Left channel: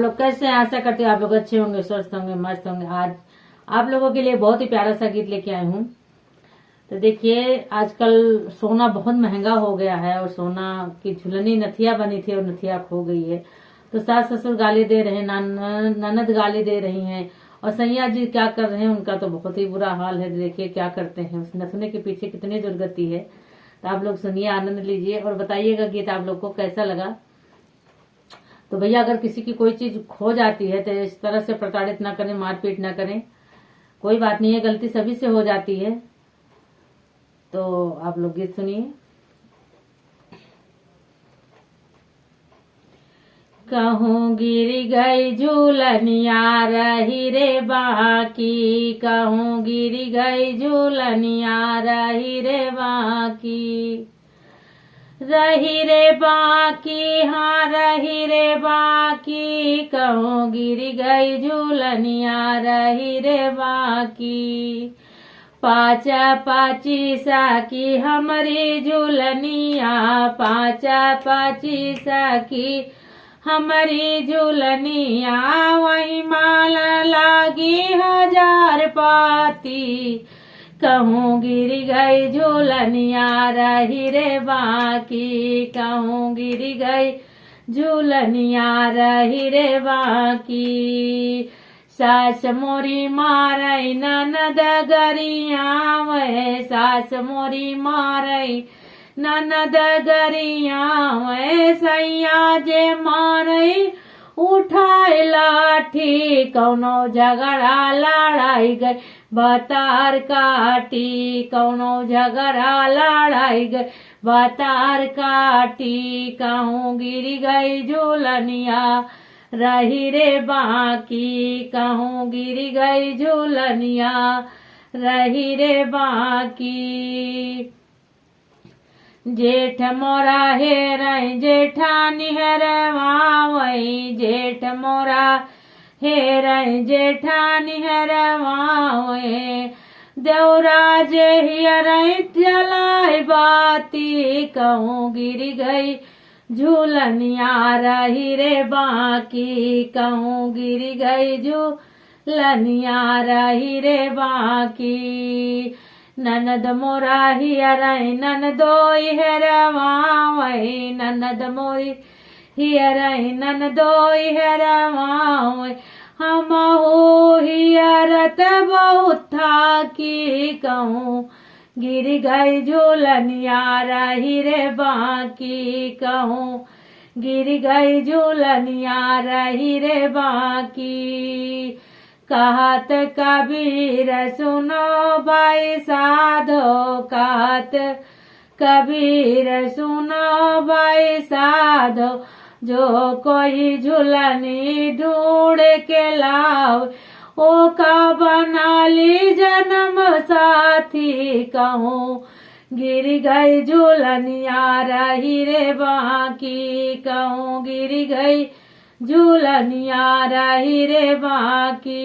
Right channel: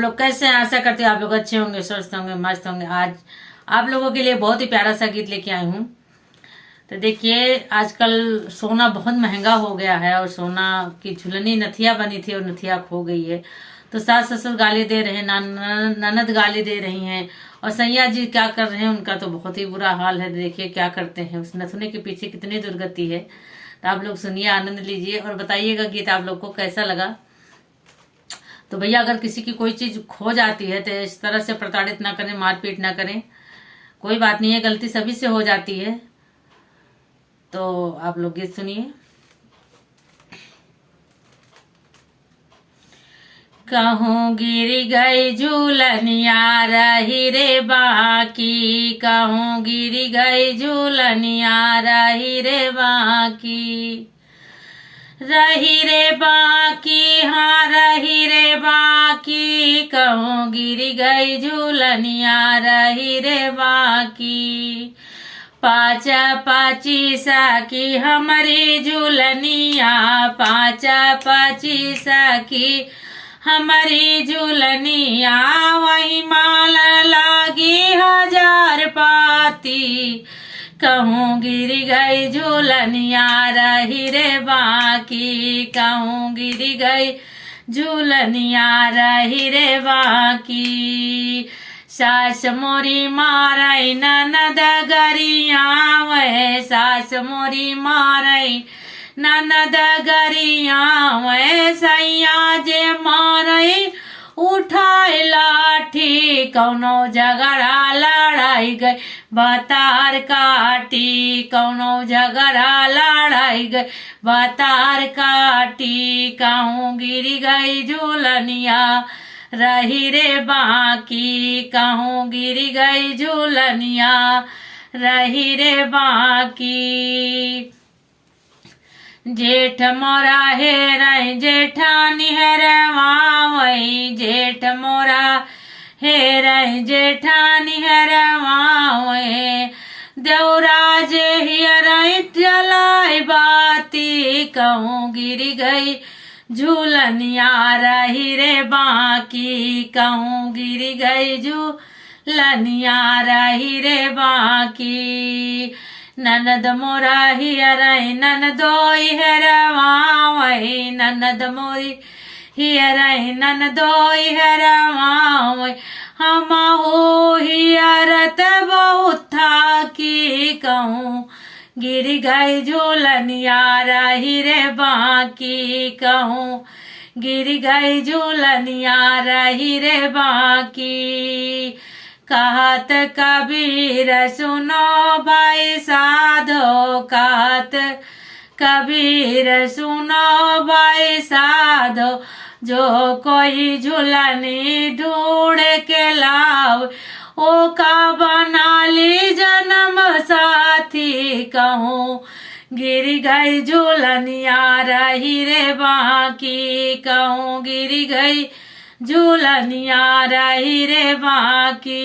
आप लोग कैसे हैं? आशा करते हैं आप लोग अच्छे होंगे, स्वस्थ होंगे, मस्त होंगे। आज आप लोगों के लिए बहुत ही प्यारा सा गीत लेके आई हूँ। तो देखिए, आजकल सोना बहुत महंगा हो गया है और सोना की झुलनी नथिया बनी थी और नथिया खो गई है। तो सास ससुर गाली दे रहे हैं, ननद गाली दे रही हैं, और सैया जी क्या कर रहे हैं, उनका तो बहुत ही बुरा हाल है। देखिए क्या करते हैं, उस नथुने के पीछे कितनी दुर्गति है। तो आप लोग सुनिए, आनंद लीजिए और बताइएगा गीत आप लोग को कैसा लगा। तो भैया, अगर किसी की कोई चीज खो जाती है तो इस तरह से प्रताड़ित ना करें, मारपीट ना करें। कोई बात नहीं है, गलती सभी से हो जाती है। तो आप लोग गीत सुनिए। कहूँ गिर गई झूलनिया रही रे बाकी, कहूँ गिर गई झूलनिया रही रे बाकी, रही रे बाकी, हाँ रही रे बाकी, कहूँ गिर गई झूलनिया रही रे बाकी। पाचा पाची साकी हमारी झूलनिया, पाचा पाची साकी हमारी झूलनिया, वही माल लागी 1000 पाती, कहूँ गिर गई झूलनिया रही रे बाकी, कहूँ गिर गई झूलनिया रही रे बाकी। सास मोरी मारई ननद गरिया वह, सास मोरी मारई ननद गरिया वह, सैया जे मारई उठाए लाठी, कौनो झगड़ा लड़ाई गई बतार काटी, कौनो झगड़ा लड़ाई गई बतार काटी, कहूँ गिर गई झूलनिया रही रे बाकी, कहूँ गिर गई झूलनिया रही रे बाकी। जेठ मोरा हेरई जेठानी हेरवावई, जेठ मोरा हेरई जेठानी हेरवावई, देवरा जे हियरई जलाई बाती, कहूँ गिर गई झूलनिया रही रे बाकी, कहूँ गिर गई झूलनिया रही रे बाकी। ननद मोरा हियरई ननदोई हेरवावई, ननद मोरी हियरई ननदोई हेरवावई, हमहु हियरत बहुत था की, कहूँ गिर गई झूलनिया रही रे बाकी, कहूँ गिर गई झूलनिया रही रे बाकी। कहत कबीर सुनो भाई साधो, कहत कबीर सुनो भाई साधो, जो कोई झूलनी ढूंढ के लाओ, ओ का बना ली जन्म साथी, कहूँ गिर गई झूलनिया रही रे बाकी, कहूँ गिर गई झूलनिया रही रे बाकी।